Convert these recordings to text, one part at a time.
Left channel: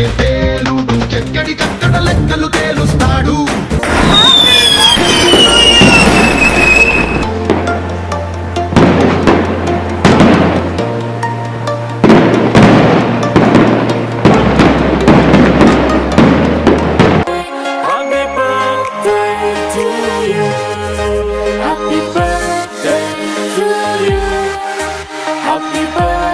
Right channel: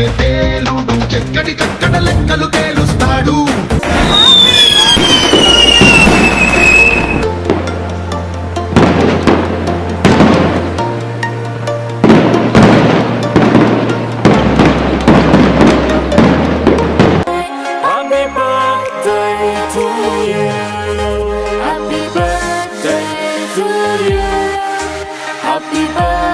చేసే పేలుడు ఎక్కడికక్కడ లెక్కలు తేలుస్తాడు. Happy birthday.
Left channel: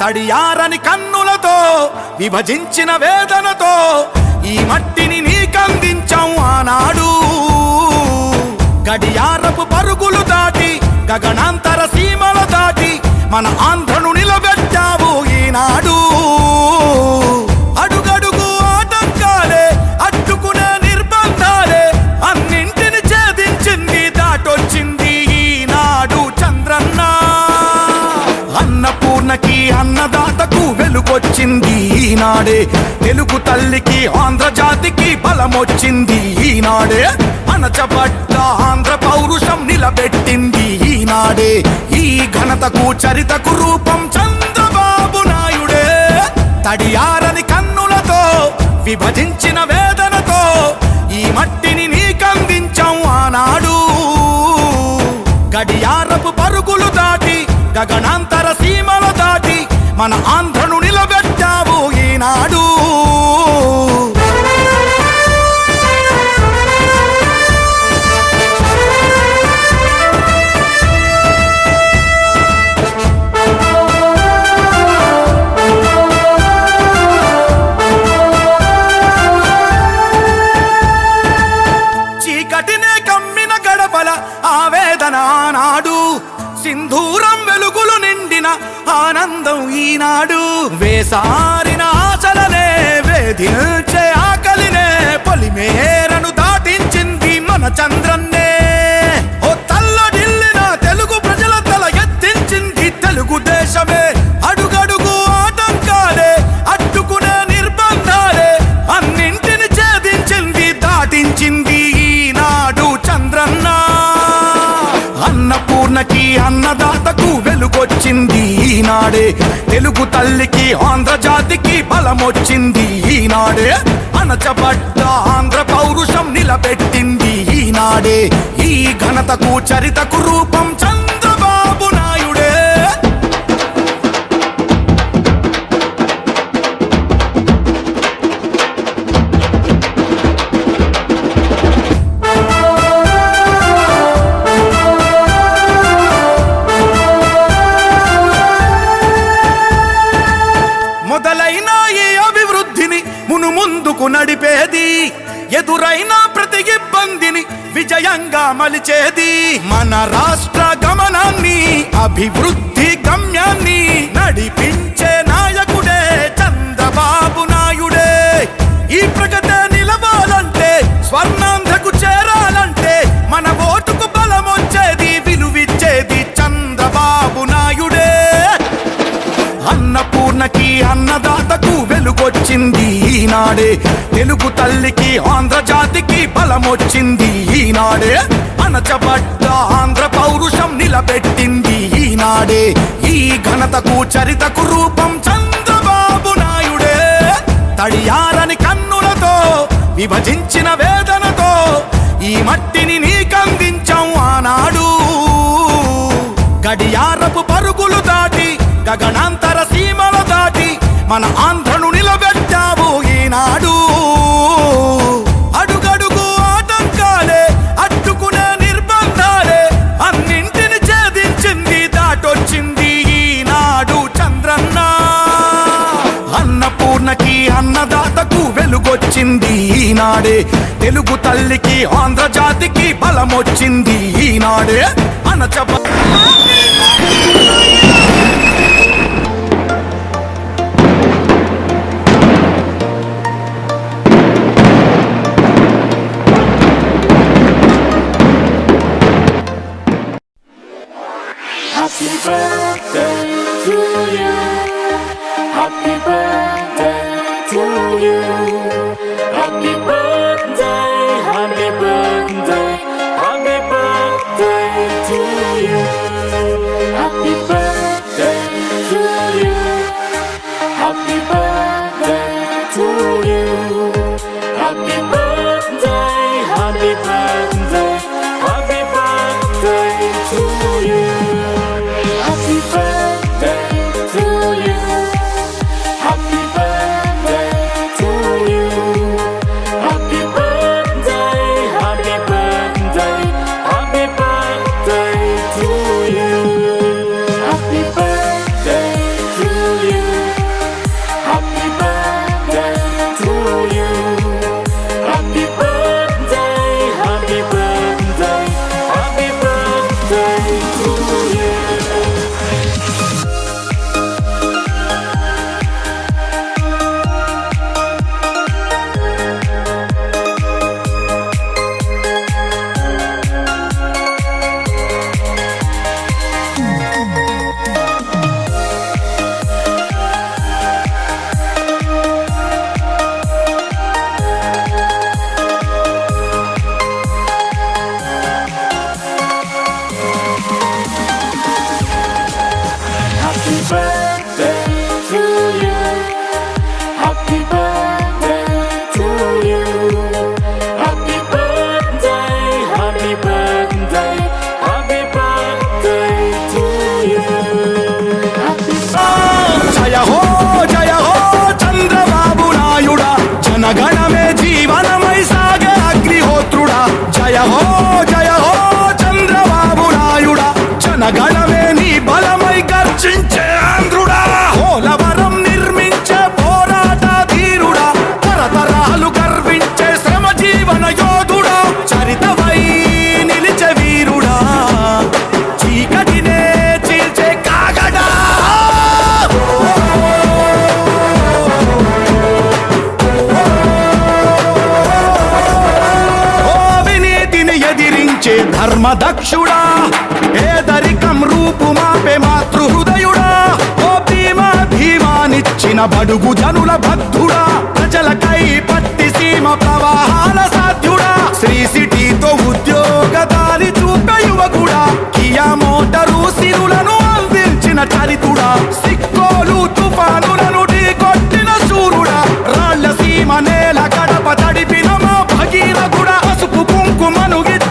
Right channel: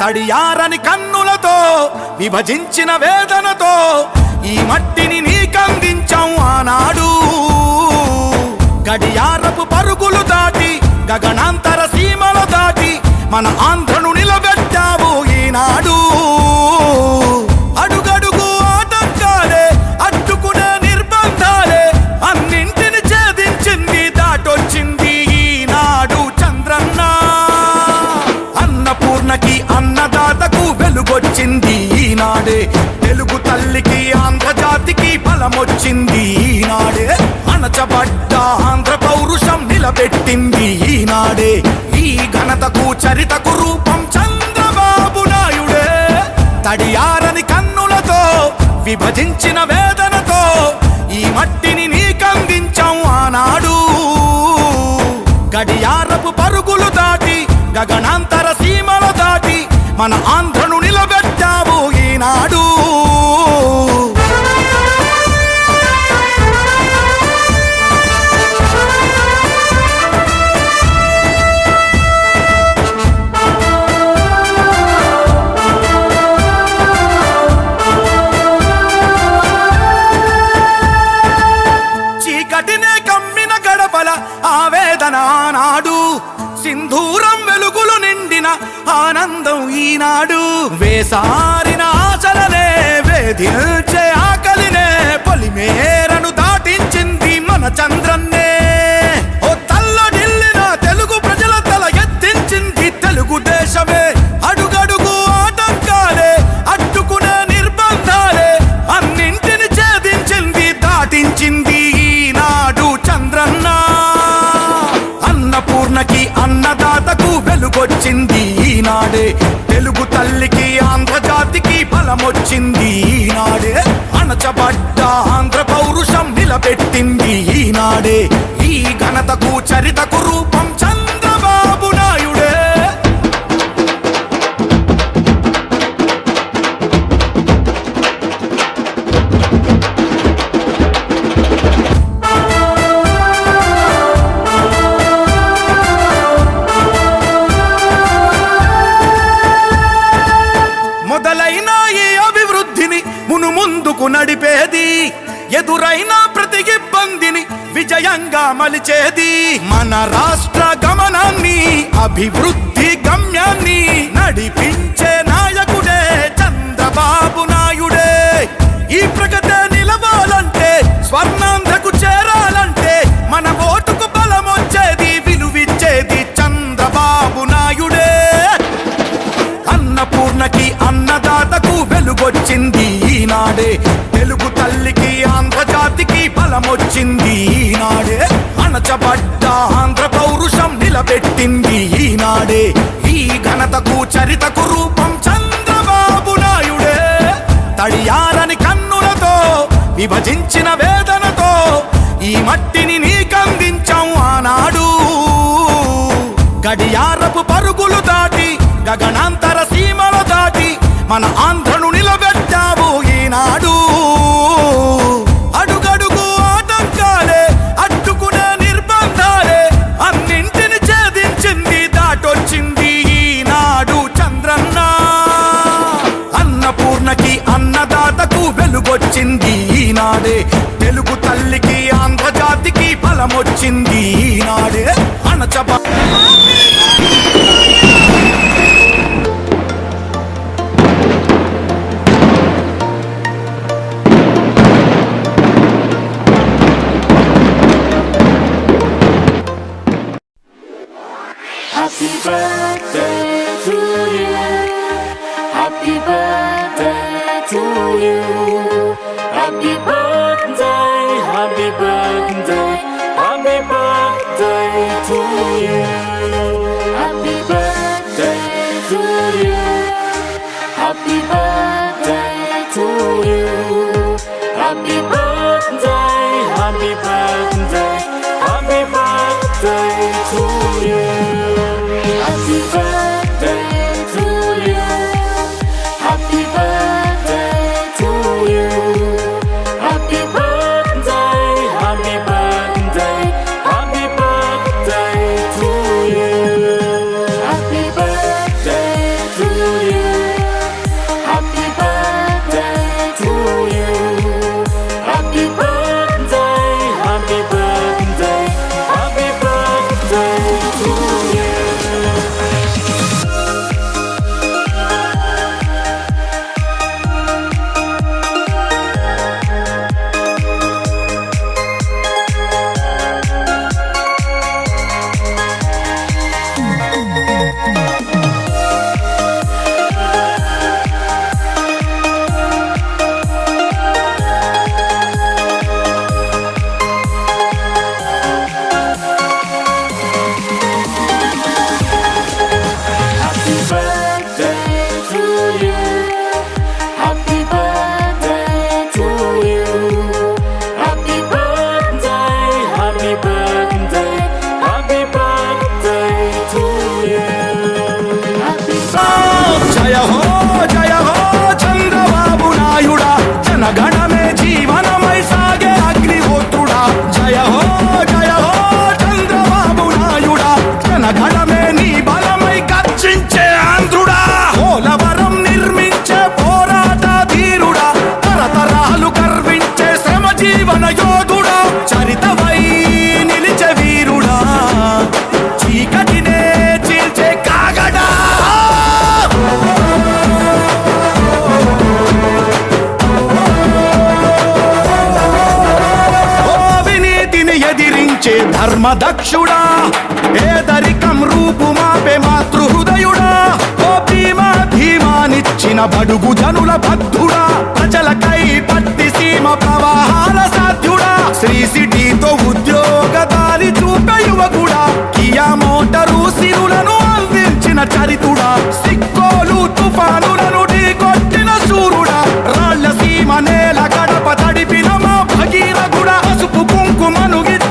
తడియారని కన్నులతో విభజించిన వేదనతో ఈ మట్టిని నీకందించాం ఆనాడు. గడియారపు పరుగులు దాటి గగనాంతర సీమల దాటి మన ఆంధ్రను నిలబెట్టావు ఈనాడు. అడుగడుగు ఆటంకాలే అడ్డుకునే నిర్బంధాలే అన్నింటిని ఛేదించింది దాటొచ్చింది ఈనాడు చంద్రన్నా. వెలుగొచ్చింది ఈనాడే. తెలుగు తల్లికి ఆంధ్రజాతికి బలమొచ్చింది ఈనాడే. అణచబడ్డ ఆంధ్ర పౌరుషం నిలబెట్టింది ఈనాడే. ఈ ఘనతకు చరితకు రూపం చంద్రబాబు నాయుడే. తడియారని కన్నులతో విభజించిన వేదనతో ఈ మట్టిని నీకందించాం ఆనాడు. గడియారపు పరుగులు దాటి గగనాంతర సీమల దాటి మన ఆంధ్రను నిలబెట్టావు నాడు. చీకటినే కమ్మిన గడపల ఆవేదన నాడు. సింధూరం వెలుగులు నిండిన ఆనందం ఈనాడు. వేసారి దిల్చే ఆకలినే పొలిమేరను దాటించింది మన చంద్రన్నే. ఘనతకు చరితకు విజయంగా మలిచేది మన రాష్ట్ర గమనాన్ని అభివృద్ధి గమ్యాన్ని నడిపించే నాయకుడే చంద్రబాబు నాయుడే. ఈ ప్రగతే నిలవాలంటే స్వర్ణాంధ్రకు చేరాలంటే మన ఓటుకు బలమొచ్చేది విలువిచ్చేది చంద్రబాబు నాయుడే. అన్నపూర్ణకి అన్నదాతకు వెలుగొచ్చింది ఈనాడే తెలుగు తల్లికి ఆంధ్రజాతికి బలమొచ్చింది ఈనాడే. అణచబడ్డ ఆంధ్ర పౌరుషం నిలబెట్టింది ఈనాడే. ఈ ఘనతకు చరితకు రూపం చంద్రబాబు నాయుడే. తడియారని కన్నులతో విభజించిన వేదనతో ఈ మట్టిని నీకందించాం ఆనాడు. గడియారపు పరుగులు దాటి గగనాంతర సీమల దాటి మన ఆంధ్రను నిలబెట్టావు ఈనాడు. అడుగడుగు ఆటంకాలే అట్టుకునే నిర్బంధాలే అన్నింటిని ఛేదించింది దాటొచ్చింది ఈనాడు చంద్రన్న. అన్నపూర్ణకి అన్నదాతకు వెలుగొచ్చింది ఈనాడే. తెలుగు తల్లికి friends. ఎదిరించే ధర్మదక్షుడా. పేదరికం రూపుమాపే మాతృహృదయుడా. ఓ భీమా ధీమానిచ్చిన బడుగు జనుల బద్ధుడా ప్రజలకై పట్టి సీమ ప్రవాహాల సాధ్యుడా. శ్రీ సిటీతో ఉద్యోగ దారి చూపే యువకుడా. కియా మోటరు సిరులను అందించిన చరితుడా. సిక్కోలు తుఫానులను ఢీకొట్టిన సూరుడా రాళ్ళ సీమ నేల గడప తడిపిన మా భగీరథుడా. పసుపు కుంకుమను ఇచ్చిన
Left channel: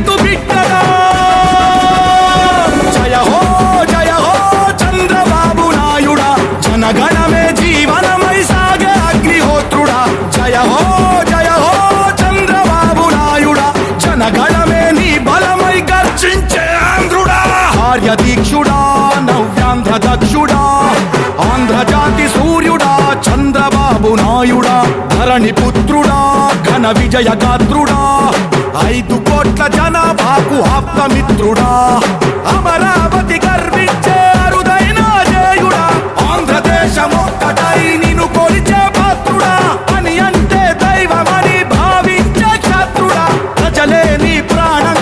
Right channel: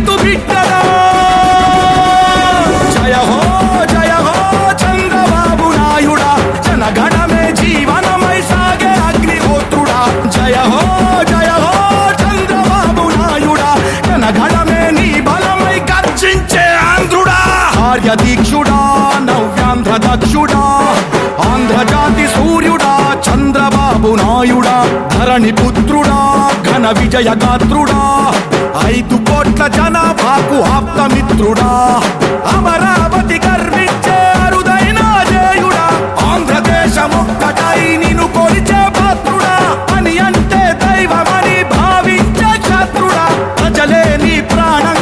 రైతు బిడ్డడా జయ హో జయ హో చంద్రబాబు నాయుడా. జనగణమే జీవనమై సాగే అగ్నిహోత్రుడా. జయ హో జయ హో చంద్రబాబు నాయుడా. జనగణమే నీ బలమై గర్జించే ఆంధ్రుడా. నవ్యాంధ్ర దక్షుడా ఆంధ్రజాతి సూర్యుడా చంద్రబాబు కరుణాయుడా ధరణి పుత్రుడా ఘన విజయ గాత్రుడా ఐదు కోట్ల జనాభాకు ఆప్తమిత్రుడా. అమరావతి గర్వించే అరుదైన జయుడా. ఆంధ్రదేశ మొక్కటై నిన్ను కొలిచే పాత్రుడా. అని అంటే దైవమని భావించే శత్రుడా ప్రజలే నీ ప్రాణం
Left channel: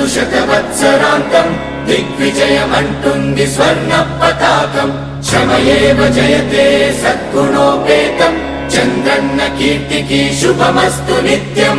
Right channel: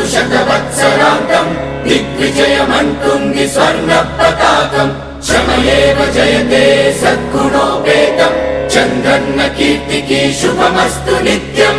వర్ధిల్లుతు శతవత్సరాంగం దిగ్విజయమంటుంది స్వర్ణ పతాకం క్షమయేవ జయతే సద్గుణోపేతం చంద్రన్న కీర్తికి శుభమస్తు నిత్యం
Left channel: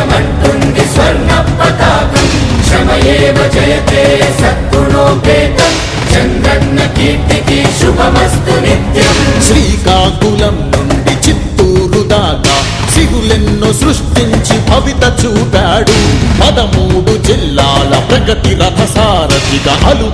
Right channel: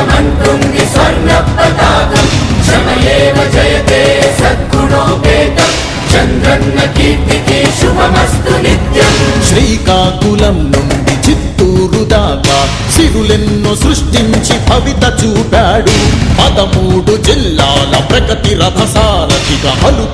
జయమంటుంది స్వర్ణ పతాకం క్షమయేవ జయతే సద్గుణోపేతం. చంద్రత్న కీర్తికి శుభమస్తు నిత్యం. శ్రీకాకుళం నుండి చిత్తూరు పదమూడు జిల్లాల ప్రగతి రథసారథిగా హలు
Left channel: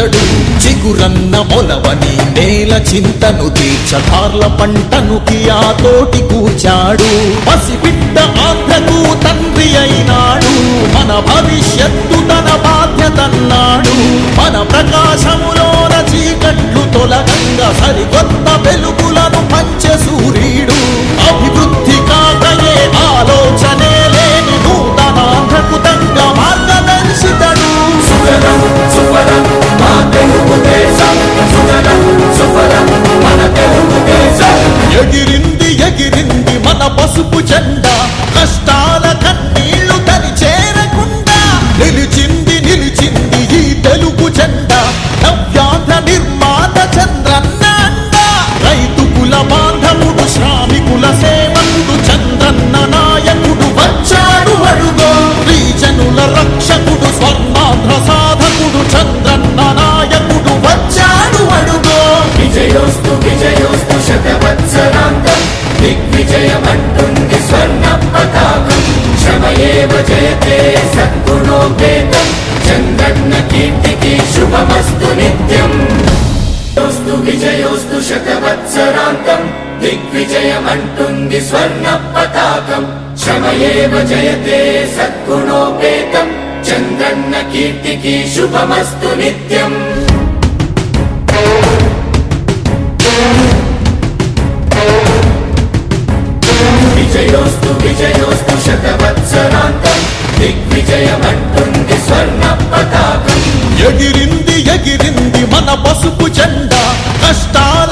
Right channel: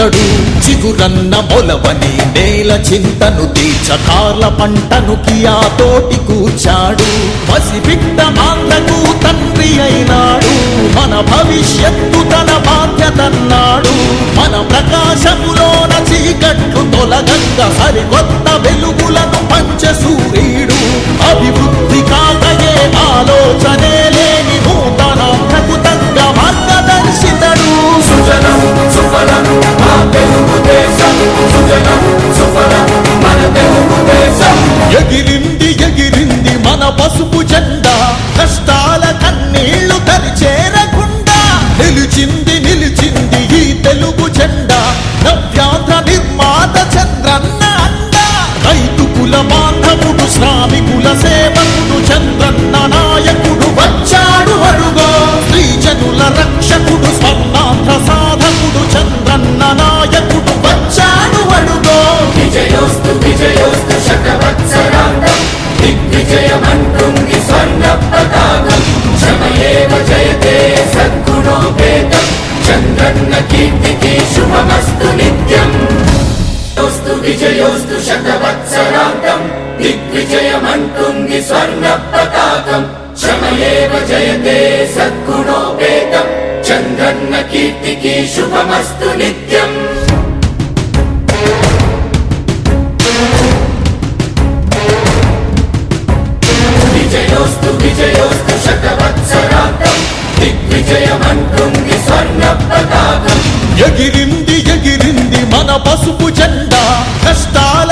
ఇతడు చిగురన్న మొలవని నేల చింతను తీర్చ పంటను కియా కూర్చాడు. E aqui एव जयते सद्गुणोपेतम् चन्द्रन्न कीर्तिकी शुभमस्तु नित्यम् विजयोऽस्तु विजयोऽस्तु शतवत्सरान्तम् दिग्विजयमन्तुम् स्वर्णप्रदातम् ఎగిరింది ఎగిరింది మన పసుపు జెండా కష్టాల